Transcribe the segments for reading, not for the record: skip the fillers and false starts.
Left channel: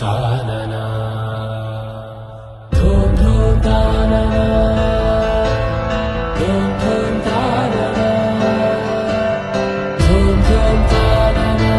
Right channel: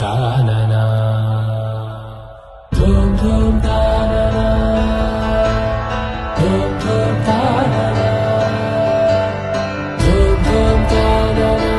తాననా ధూమ్ ధూమ్ తాననా ధూమ్ ధూమ్ తాననా ధూమ్ ధూమ్ తాననా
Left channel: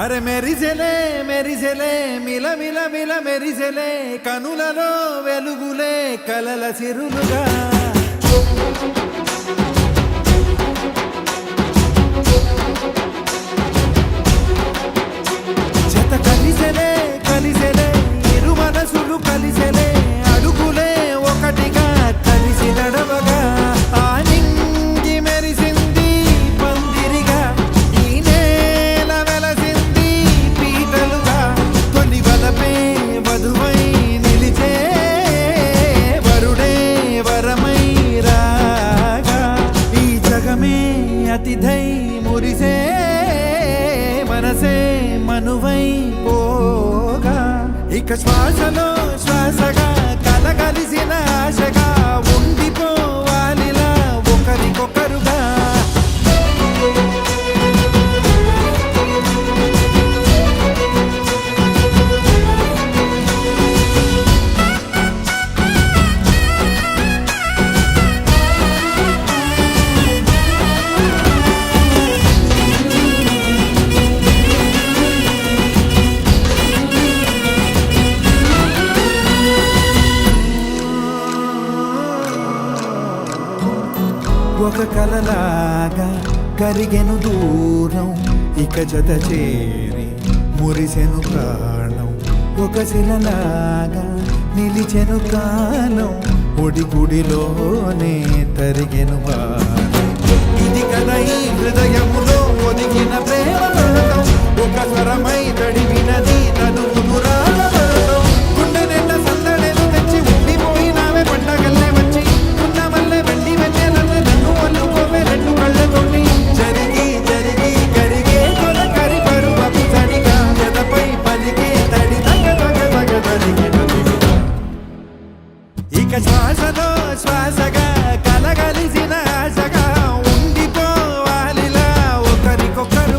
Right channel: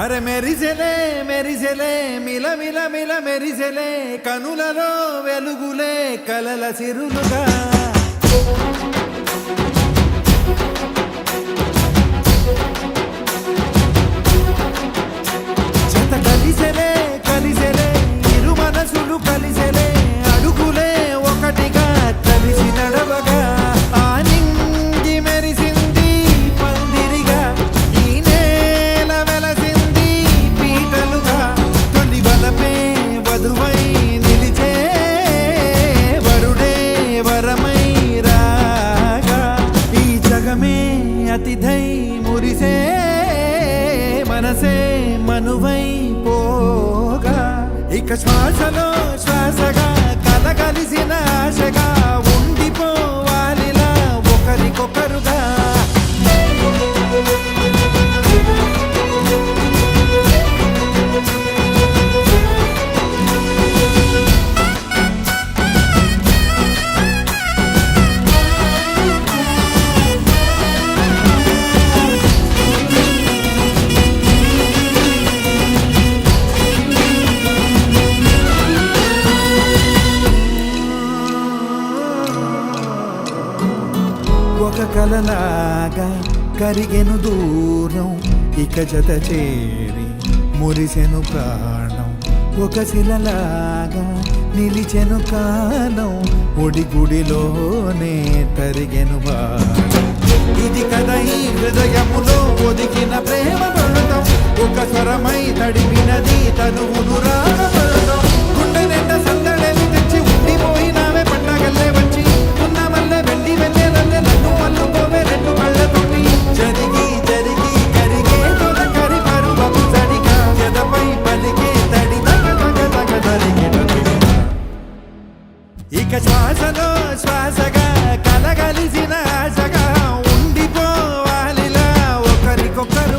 అరే మెరిసెలే మెరిసెలే మిల మిల మిల మెరిసెలే కనులలో వెలుగులే కలల సిరులుగా జత కలిసెలే కలిసెలే ఇరు మనసులు కలిసెలే అడుగులే ఒకటిగా కలిసి నడవగా ఆ నింగి మెరిసింది పందిరిగా ఈ నేల వెలసింది పీటలుగా తొలి వలపే వధువై నిలిచే వరుడే వరమై రాగా ఈ జగమే అతిథై మురిసే మనసే మనువై పోగా ఇక శ్వాసలో శ్వాసగా కలగలిసిన ఆశగా ఉండిపోవాలిలా ఒకరికొకరుగా ఒక కలలాగా కరిగెను దూరం ఇక జత చేరి మురిసెను ప్రాణం ఒక శిలలాగా నిలిచెను కాలం ఒడిగుడిలోనే తరిగెను వారం ఇది కదా ఈ హృదయములో ఒదిగిన ప్రేమ పడతాం ఒక స్వరమై తడివినది తనువును రాగపడతాం గుండె నిండా సందడేలు తెచ్చి ఉండిపోయినావే పండగల్లే వచ్చి ఉన్న మల్లె వెండి వెన్నెలల్లే నన్ను అల్లుకోవే రెండు కళ్ళతోటి జరిగి జరిగి కరిగే తొలకరి పరువపు తడిగా జదపై పలికే తడి తగ తగ తగ తరిగిన ఇక శ్వాసలో శ్వాసగా కలగలిసిన ఆశగా ఉండిపోవాలిలా ఒకరికొకరు